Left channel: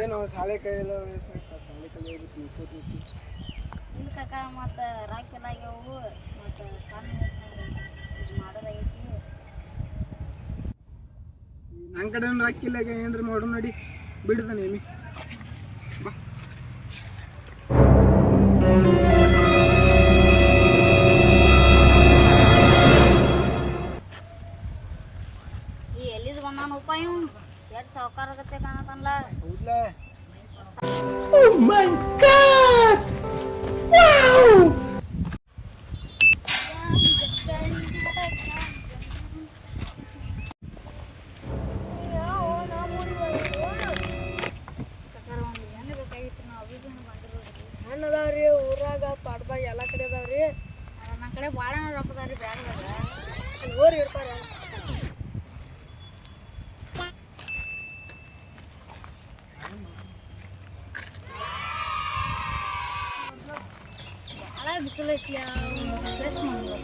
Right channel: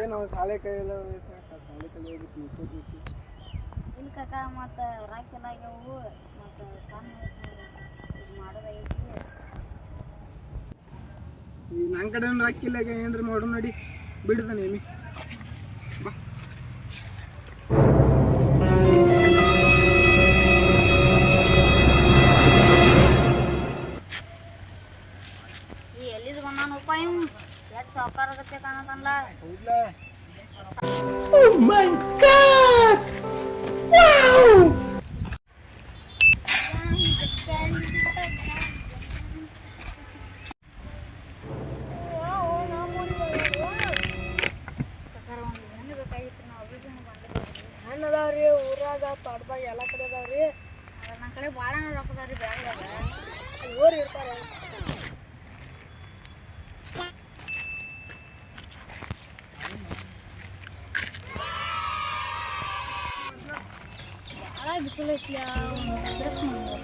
ಏನು ಸಾಲೆ ಕೈಯೆಲ್ಲ ಸಾಲೆ ಕಲಿಯೋದಕ್ಕೆ ನಿಲ್ಸೋದೈತಿ ಇಲ್ಲ ಕಾಕ ಮತ್ತು ರಾಕೆಲ್ಲ ಆಗ್ಯಾವು ಮತ್ತು ಸಣ್ಣ ಇದು ಮಾಡೋದಾಗೈತಿ. ನನ್ನ ಕಡೆ ಹಾಕಿಲ್ಲ ಏನ್ರಿ ಮಾಡು ನೋಡಿ ಬಿಡ್ತಾನೆ ಏಮಿ ಬಾ. ಈ ಎಲ್ಲಿದು ಬಂದಾನಪ್ಪ ಇವ್ ಎಷ್ಟು ಸಾವುಕಾರ ಆಗತ್ತೆ ಕಾಣತಲ್ಲ. ಹೌದ್ಲಾ? Oh my God! Wow! ಅದಾವ್ರಿ ಊರಾಗ ಪಾಡ್ಬಾಯಿ ಎಲ್ಲ ಕಡೆ ಅದಾವ್ರಿ. ನನ್ನ ಕಡೆ ಭಾಳ ರೊಕ್ಕದಾವ್ರಿ ಬ್ಯಾಡ ಊರು ಇರ್ತಾರ. ಭಾಳ ಬಿಸಿಲು ಐತಿ ಟೇಸ್ಟ್ ಮಾಡ್ಬೇಕು.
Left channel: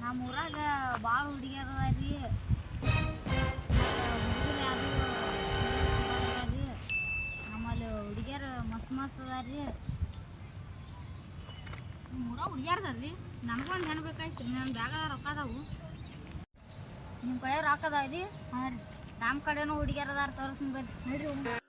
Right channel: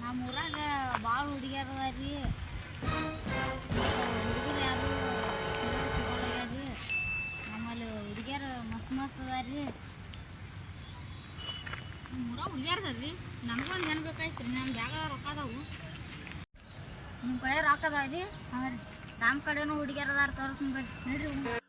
ನಮ್ಮ ಊರಾಗ ಭಾಳ ಹುಡುಗಿಯರ್ ಅದಾರಿ. ಹುಡುಗರು ಯಾರು ರೀ ನಮ್ಮಲ್ಲಿ ಹುಡುಗಿಯರು ಮಸ್ತ್ ಮಸ್ತ್ ಅದಾರಿ. ನಮ್ಮ ಊರಾಗ ಹುಡುಗಿಯರ್ ಅದಾರಿ. ನಮಗೊಂದು ಹೆಣ್ಣು ಬೇಕಾಯ್ತು ರೀ. ನನ್ನ ಬ್ಯಾಗ ರೊಕ್ಕ ಅದಾವು. ನಿಮ್ಮ ಕಡೆ ರೊಕ್ಕ ಅದಾವ ರೀ? ಹಾಂ ರೀ. ನಮ್ಮ ಕಡೆನೂ ಹುಡುಗಿಯರ್ ಅದಾರ ತೋರಿಸ್ತೀನಿ ಬರ್ರಿ ನೋಡ್ರಿ.